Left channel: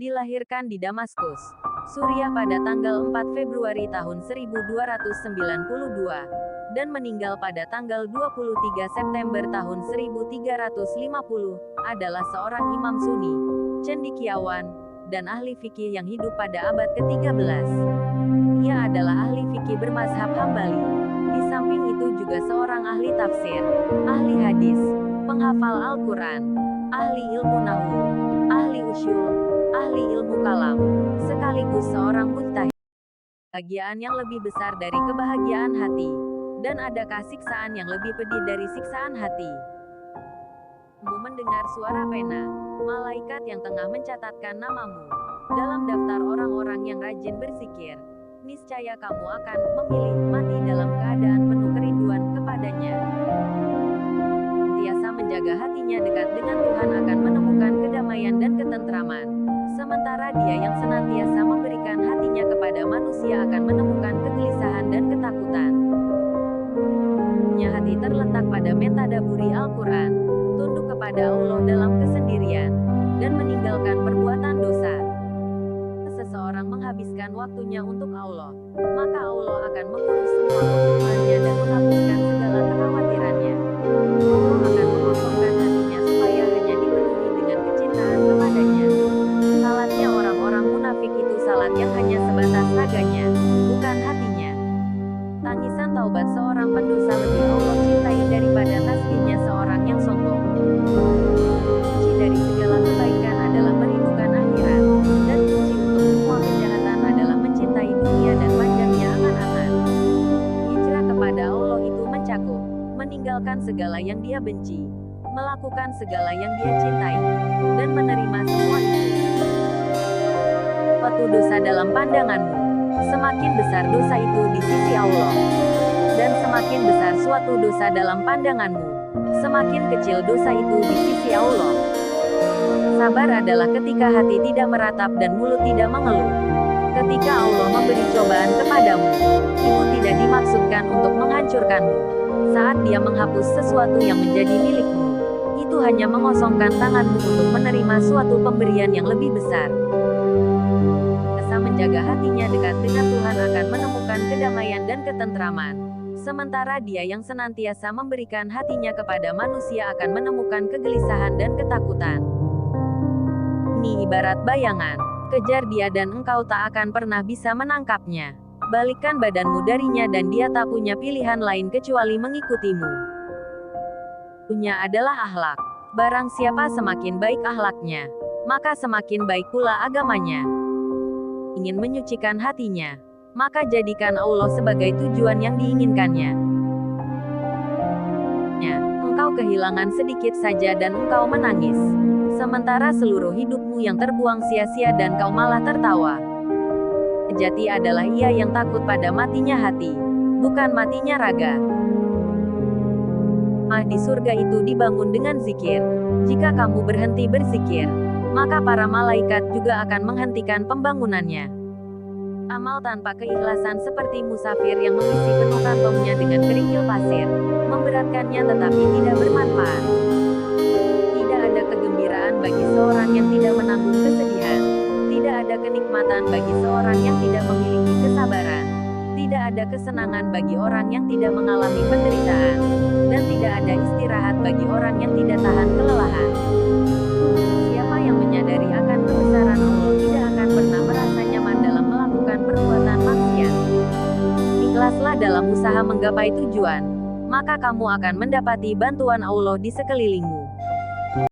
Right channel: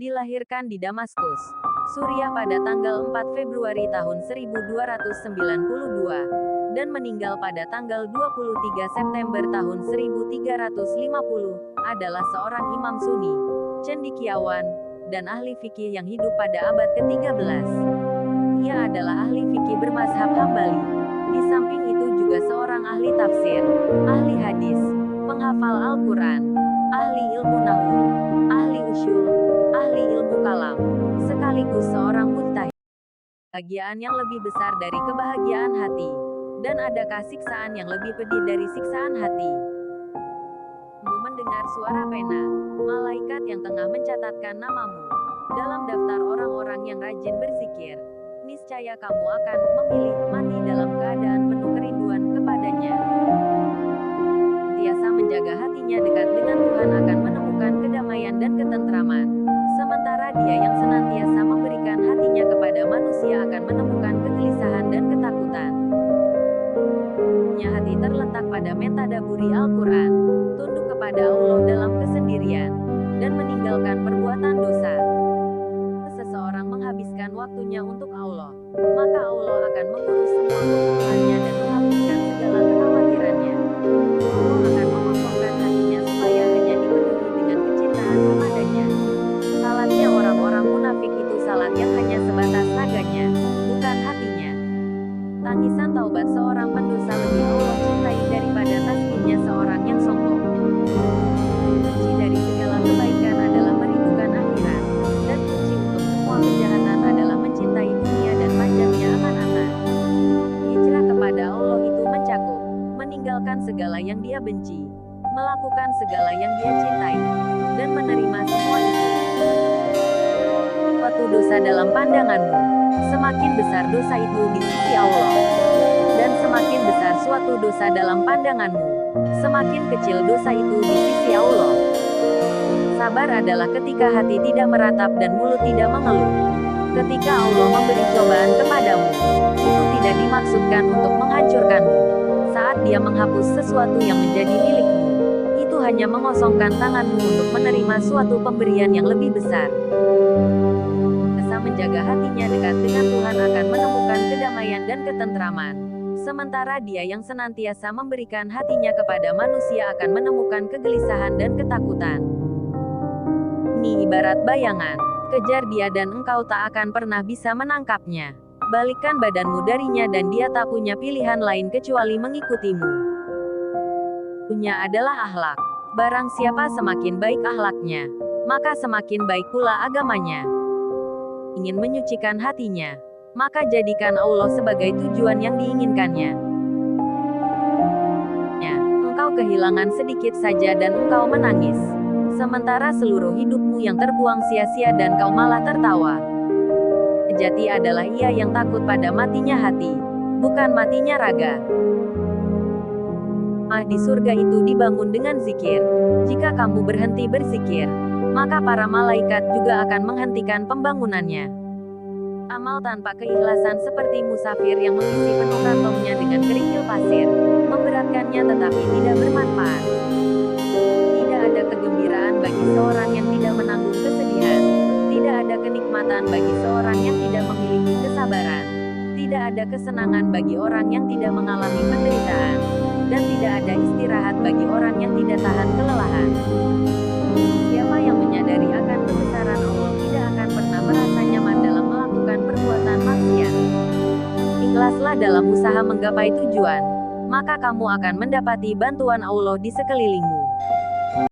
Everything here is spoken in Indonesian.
Dilahirkan di Damaskus, Suriah pada tanggal 4 Februari tahun 1292, dan meninggal pada tanggal 23 September tahun 1350, adalah seorang imam Sunni, cendekiawan, dan ahli fikih yang hidup pada abad ke-13. Ia adalah ahli fikih bermazhab Hambali. Di samping itu juga seorang ahli tafsir, ahli hadis, penghafal Al-Quran, ahli ilmu nahwu, ahli usyul, ahli ilmu kalam, sekaligus seorang mujtahid. Kebahagiaan yang lebih besar dari kebahagiaan hati, dan adakah siksaan yang lebih pedih dari siksaan hati? Kamu mendengar suara pena, malaikat yang tengah mencatatkan namamu dalam daftar orang-orang yang rajin berzikir. Niscaya kamu akan memilih mati dalam keadaan penuh kerinduan kepadanya. Senantiasa menjaga hatinya dekat dengan Tuhan akan menemukan kedamaian dan ketentraman. Sementara dia yang senantiasa memberikan hatinya kepada manusia akan menemukan kegelisahan dan ketakutan. Hati terletak pada mentadaburi Al-Quran, tunduk kepada Allah dalam kesendirian, dan meninggalkan perbuatan dosa. Seseorang menghabiskan waktunya untuk Allah, maka Allah akan mengurus semua kebutuhannya dan menghapuskan segala kekhawatirannya. Allah akan mengosongkan hatinya supaya hanya dipenuhi dengan kecintaan kepadanya. Salatnya orang-orang munafik itu salat yang hanya sebatas raganya, bukan hatinya. Tangisan taubat seorang pendosa lebih Allah cintai daripada tasbihnya seorang yang sombong. Kunci dari segala kebaikan adalah merindukan akhirat, dan kunci untuk semua kejahatan adalah mencintai dunia dan panjangnya angan-angan. Hijrah kepada Allah itu mencakup meninggalkan segala yang dia benci, melakukan segala yang dia cintai, dan menerima semua itu. Suatu dosa dalam pandanganmu, semakin besar dosa itu di sisi Allah. Dan semakin besar suatu dosa dalam pandanganmu, semakin kecil dosa itu di sisi Allah. Sabar adalah ketika hati tidak meratap dan mulut tidak mengeluh. Ketika Allah memberi cobaan kepadamu, itu tidak dimaksudkan untuk menghancurkanmu. Saat Dia menghapus sesuatu yang menjadi milikmu, itu hanya mengosongkan tanganmu untuk menerima suatu pemberian yang lebih besar. Menjaga hatinya dekat dengan Tuhan akan menemukan kedamaian dan ketentraman. Sementara dia yang senantiasa memberikan hatinya kepada manusia akan menemukan kegelisahan dan ketakutan. Ini ibarat bayangan, kejar dia dan engkau tak akan pernah bisa menangkapnya. Balikkan badanmu darinya dan dia tak punya pilihan lain kecuali mengikutimu. Punya adalah akhlak. Barang siapa semakin baik akhlaknya, maka semakin baik pula agamanya. Ingin menyucikan hatinya, maka jadikan Allah sebagai tujuan yang diinginkannya. Engkau kehilangan sedikit saja dan engkau menangis, sementara seluruh hidupmu yang terbuang sia-sia dan kau malah tertawa. Sejati adalah ia yang takut pada matinya hati, bukan matinya raga. Di surga itu dibangun dengan zikir. Jika kamu berhenti berzikir, maka para malaikat juga akan menghentikan pembangunannya. Amal tanpa keikhlasan seperti musafir yang mengisi penuh kantongnya dengan kerikil pasir, memberatkannya tetapi tidak bermanfaat. Tidak ada kegembiraan bagi seorang yang tidak menanggung kesedihan. Tidak ada kenikmatan bagi seorang yang tidak memiliki kesabaran. Tidak ada kesenangan bagi orang yang tidak mengalami penderitaan. Dan tidak ada istirahat bagi orang yang tidak tahan kelelahan. Siapa yang menyadari akan kebesaran Allah tidak akan pernah merasa nyaman dalam melakukan perbuatan maksiat. Ikhlaslah dalam usaha menggapai tujuan, maka kamu akan mendapati bantuan Allah di sekelilingmu.